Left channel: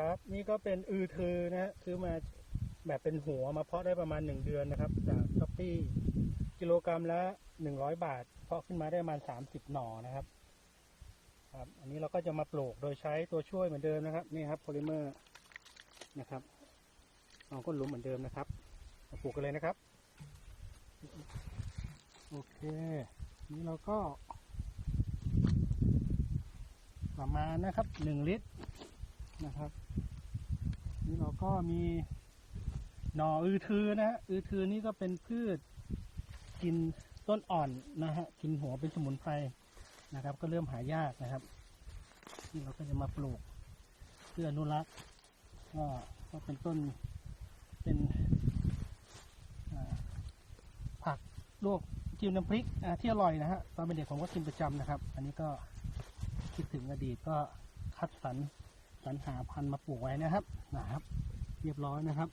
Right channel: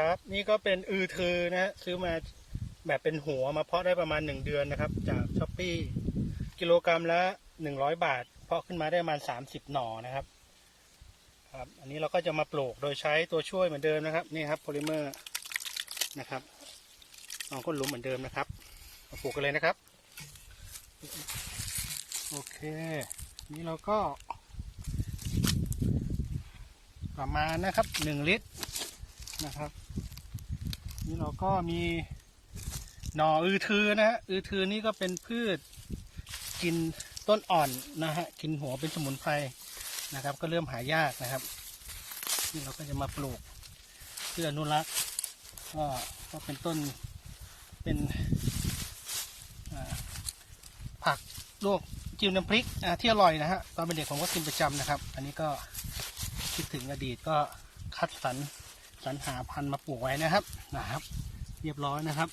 ครับ นี่ก็เป็นอือทือนะฮะซื้อมาแบบเป็นหัวมาเพาะได้ประมาณหนึ่งเดือนนะครับ จากช้อปปี้กิโลกรัมละหนึ่งร้อยบาท เพาะขึ้นมาได้ประมาณสามสิบหน่อนะครับ ครับ อันนี้เราก็จะมาปลูกโดยใช้ตัวช่วยเหมือนเดิมนะครับ นี่ครับโพลิเมอร์นะครับลองก้นหลุมเหมือนเดิมนะครับมาปลูกกันเลยนะครับ โอเค นี่เราก็ ประมาณนะครับหนึ่งลิตร นะครับ นี่เราก็มีหน่ออือทือนะฮะอือทือนี่ก็เป็นพืชกินต้นอ่อนนะฮะกินหัวเป็นสมุนไพรนะครับ ก็เริ่มหายากนะครับนี่เราก็จะมาปลูกเพื่ออนุรักษ์ก็ก็เป็นต้นเป็นผักลวกจิ้มน้ำพริกที่อร่อยนะฮะตอนเป็นเด็กผมก็กินประจำนะครับ อันนี้ก็คิดถึงอดีตก็คัดสรร สรรหาพันธุ์มาปลูกไว้นะครับนะครับ เรียบร้อยนะครับ